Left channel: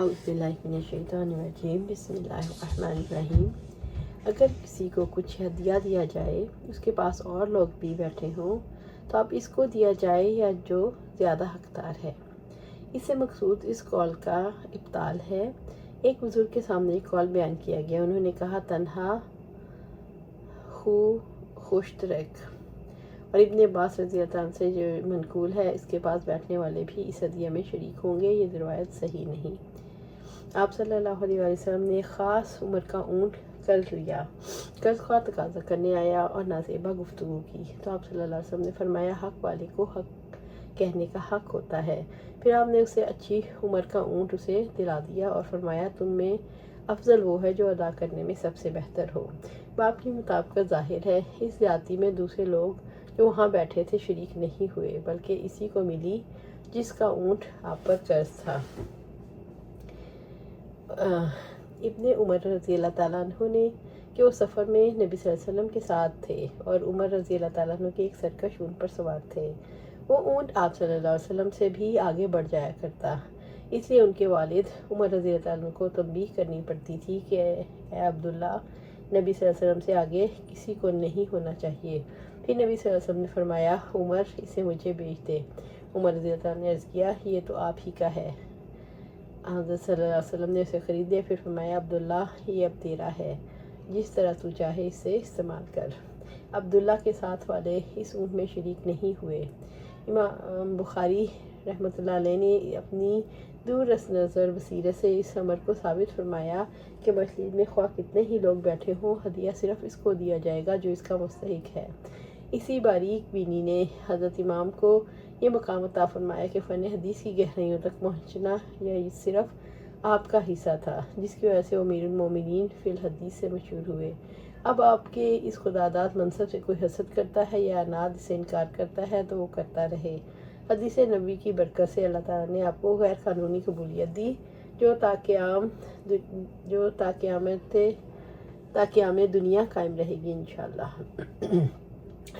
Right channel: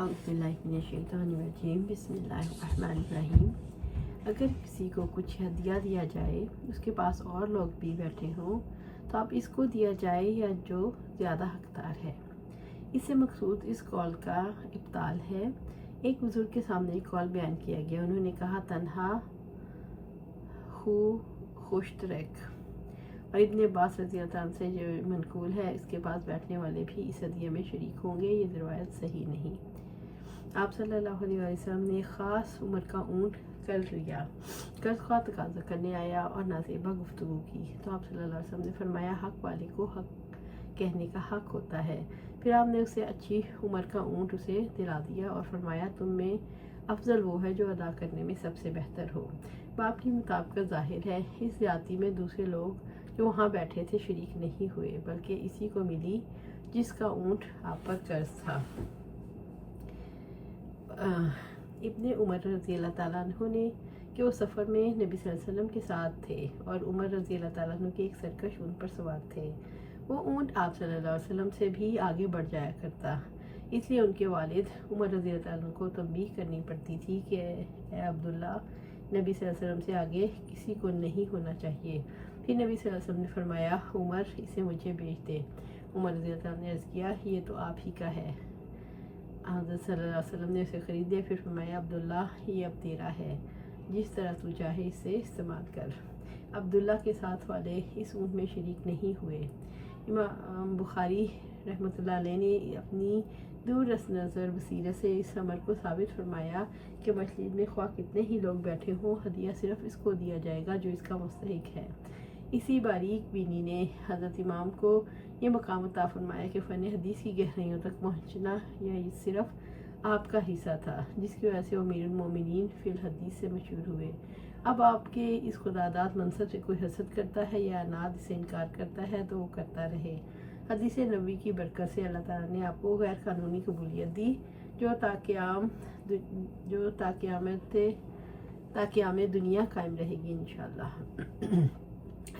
औज़ुबिल्लाहिमिनश्शैतानिर्रजीम बिस्मिल्लाहिर्रहमानिर्रहीम। अगर किसी को कुछ हदिया दिया जाए, उसके पास और लोग भी बैठे हों, तो अब इसको दिया जाए या जो ज़्यादा हकदार है। इससे मकसूद इस कौल का इब्ताल है। एक बुज़ुर्ग के सामने एक कौल बयान किया गया। उन्होंने कहा, तन्हा खुश्तरक। और इब्ने अब्बास रज़ी अल्लाह अन्हु से जो मनकूल है, इसके पास बैठने वाले भी इस हदिया में शरीक होंगे। ये रिवायत सही नहीं। आप सल्लल्लाहु अलैहि वसल्लम ने ख़ास उम्र का ऊँट कर्ज लिया। कर्ज़ तकाज़ा करने आया और नाज़ेबा गुफ्तगू की, तो आप सल्लल्लाहु अलैहि वसल्लम ने फरमाया, हक़ वाले को हक़ कहने का हक़ होता है। फिर आपने उसे अच्छी उम्र का ऊँट उसे दिला दिया और फरमाया, तुम में अफजल वो है जो अदा करने में सबसे बेहतर हो। बाप की मुताबिक ज़ाहिर है, इस ज़्यादती में दूसरे लोग जो वहाँ बैठे थे शरीक नहीं हुए, बल्कि इसी को मिली जिसका ऊँट आप पर कर्ज था। इब्ने उमर रज़ी अल्लाह ताला अन्हु ने कि वो सफ़र में नबी सल्लल्लाहु अलैहि वसल्लम के साथ थे और उमर रज़ी अल्लाह ताला अन्हु के एक सरकश ऊँट पर सवार थे। वो ऊँट आप सल्लल्लाहु अलैहि वसल्लम से भी आगे बढ़ जाया करता, इसलिए उनके वालिद उमर रज़ी अल्लाह ताला अन्हु को तंबीह करनी पड़ती थी कि ए अब्दुल्ला, नबी सल्लल्लाहु अलैहि वसल्लम से आगे किसी को नहीं होना चाहिए। फिर नबी सल्लल्लाहु अलैहि वसल्लम ने फरमाया, उमर, इसे मुझे बेच दे। उमर रज़ी अल्लाह ताला ने अर्ज़ किया, ये तो आप ही का है। हज़रत सल्लल्लाहु अलैहि वसल्लम ने उसे ख़रीद लिया। फिर फरमाया, अब्दुल्ला, ये अब तेरा है, जिस तरह तू चाहे इसे इस्तेमाल कर। अब्दुल्ला के साथ वाले इस ऊँट में शरीक नहीं हुए। इमाम बुखारी रहमतुल्लाह अलैह ने अपनी दूर नज़र बसीरत से इस अमर को साबित फरमाया कि मजलिस में ख्वाह कितने ही लोग बैठे हों, हदिया सिर्फ इसको दिया जाएगा जो इसका मुस्तहिक है। इसी बारीक बीनी ने हज़रत इमाम को ये मकाम अता फरमाया कि फ़न हदीस की गहराइयों तक पहुँचना यह सिर्फ आपका हिस्सा था, जिसकी वजह से अमीरुल मोमिनीन फिल हदीस से मशहूर हुए। अब आपके इस खुदादाद मनसब से कोई हसद करता है या अनाद से इनकार करता है तो वो करता रहे। हदीस नबी की बरकत से अल्लाह ताला ने आपको गैर कानूनी कबूलियत दी, जो ताकि आम दुनिया कायम रहेगी इंशाअल्लाह।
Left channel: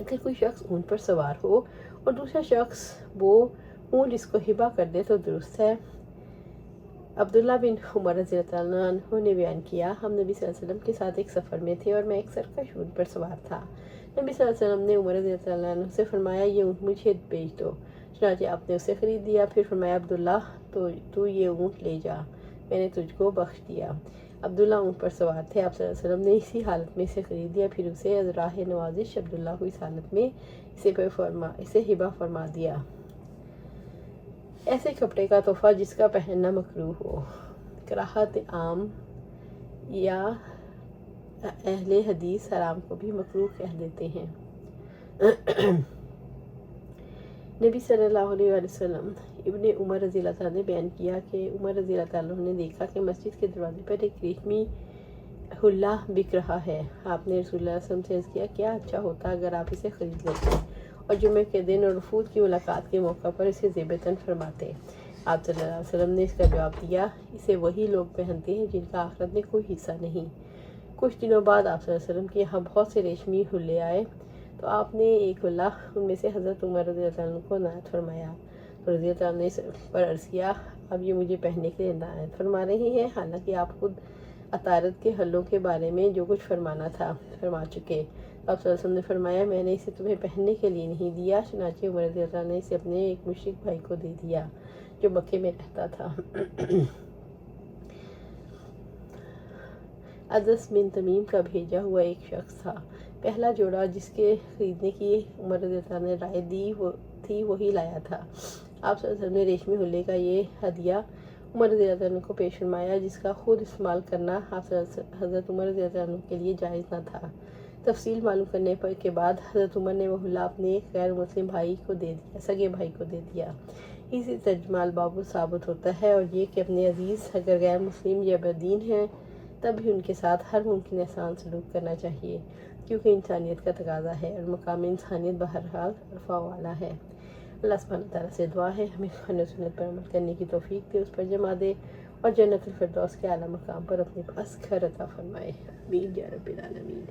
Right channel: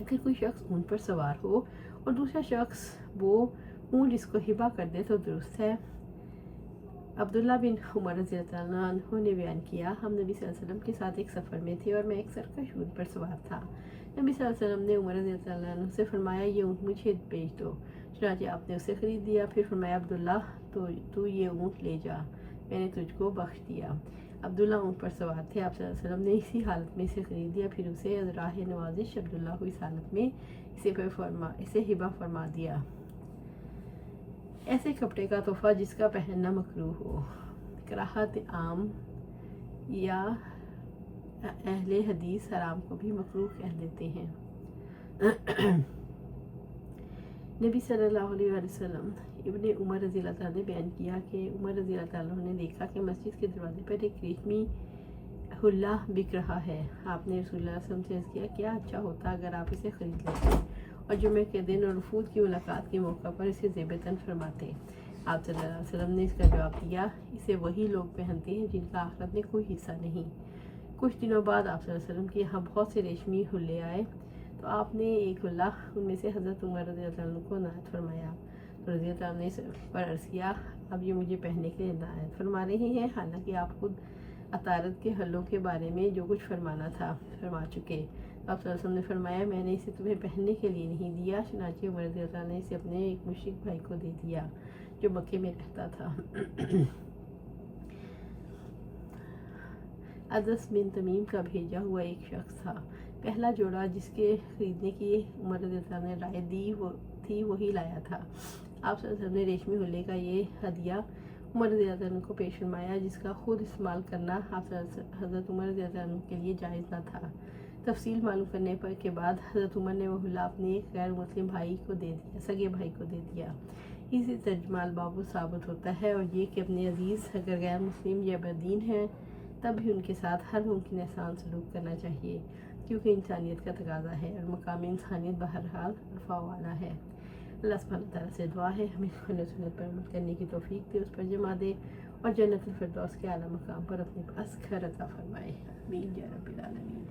अगर कोई शख्स ऊँट पर सवार हो और दूसरा शख्स वो ऊँट इसको हिबा कर दे तो दुरुस्त है। अब्दुल्ला बिन उमर रज़ियल्लाहु अन्हु ने बयान किया, हम नबी सल्लल्लाहु अलैहि वसल्लम के साथ एक सफ़र में थे और मैं एक सरकश ऊँट पर सवार था। नबी सल्लल्लाहु अलैहि वसल्लम ने उमर रज़ियल्लाहु अन्हु से फरमाया, ये ऊँट मुझे बेच दो। चुनांचे आपने उसे ख़रीद लिया। फिर फरमाया, अब्दुल्ला, तो तू ये ऊँट ले जा, मैंने तुझको बख्श दिया। अब्दुल्ला ऊँट पर सवार थे। आप सल्लल्लाहु अलैहि वसल्लम ने इसी हालत में इसे ख़रीद लिया। फिर उसे राह नवाजिश अब्दुल्ला को इस हालत में इसे हिबा फरमा दिया। ऐसे कपड़े का तोहफ़ा जिसका पहनना मकरूह हो। कराहत आम या अहले हदीस हराम को भी मकरूह कह देते हैं। नबी सल्लल्लाहु अलैहि वसल्लम इब्ने उमर रज़ी अल्लाह ताला ने बयान किया कि उमर रज़ी अल्लाह ताला ने देखा कि मस्जिद के दरवाजे पर एक रेशमी हुल्ला बिक रहा है। आपने रसूलुल्लाह सल्लल्लाहु अलैहि वसल्लम से अर्ज़ किया, क्या अच्छा होता अगर आप इसे ख़रीद लेते और जुमे के दिन और वफूद की मुलाकात के मौका पर इसे ज़ेबतन फरमाते। आप सल्लल्लाहु अलैहि वसल्लम ने इसका जवाब दिया, इसे वही लोग पहनते हैं जिनका आखिरत में कोई हिस्सा नहीं। कुछ दिनों बाद आप सल्लल्लाहु अलैहि वसल्लम के यहाँ बहुत से रेशमी हुल्ले आए, तो आपने एक हुल्ला उनमें से हज़रत उमर रज़ी अल्लाह अन्हु को नायत फरमाया। तो रज़ी अल्लाह ने इस पर अर्ज़ किया, अब ये मुझे पहनने के लिए नायत फरमा रही हैं, हालांकि आप खुद अतारत के हल्लों के बारे में जो कुछ फरमाना था फरमा चुके। आप सल्लल्लाहु अलैहि वसल्लम ने फरमाया, मैंने इसे तुम्हें पहनने के लिए नहीं दिया। चुनांचे उमर रज़ी अल्लाह ने इसे अपने एक मुशरिक भाई को दे दिया जो मक्के में रहता था। अदस बिन तमीम का भेजा हुआ एक शख्स था। पहला जोड़ा जिसके खरीदने की उमर रज़ी अल्लाह ने राय दी वही लाया था। आप सल्लल्लाहु अलैहि वसल्लम ने रेशमी हुल्ले का ये हदिया उमर रज़ी अल्लाह को पेश फरमाया, जिसका खुद इस्तेमाल करना हज़रत उमर रज़ी अल्लाह के लिए जायज़ न था। तफसील मालूम करने के बाद हज़रत उमर ने वह हुल्ला अपने एक गैर मुस्लिम भाई को दे दिया, सगे भाई को दे दिया। इसी तर्जमाल बाबू साबित होता है और ये कि अपने अजीज़ अगर गैर मुस्लिम या बदीन हैं तब भी उनके साथ हर मुमकिन एहसान सलूक करना चाहिए, क्योंकि इंसानियत का तकाजा है और मकाम इंसानियत बहरहाल रफ़ा वाला है। अल्लाह सुब्हानहू व तआला से दुआ है हमें कुरान और सुन्नत पर अमल करने की तौफीक दे, उस पर जमा दे और जन्नतुल फिरदौस के आला मकाम पर अपने पास घर अता फरमाए। आमीन या रब्बिल आलमीन।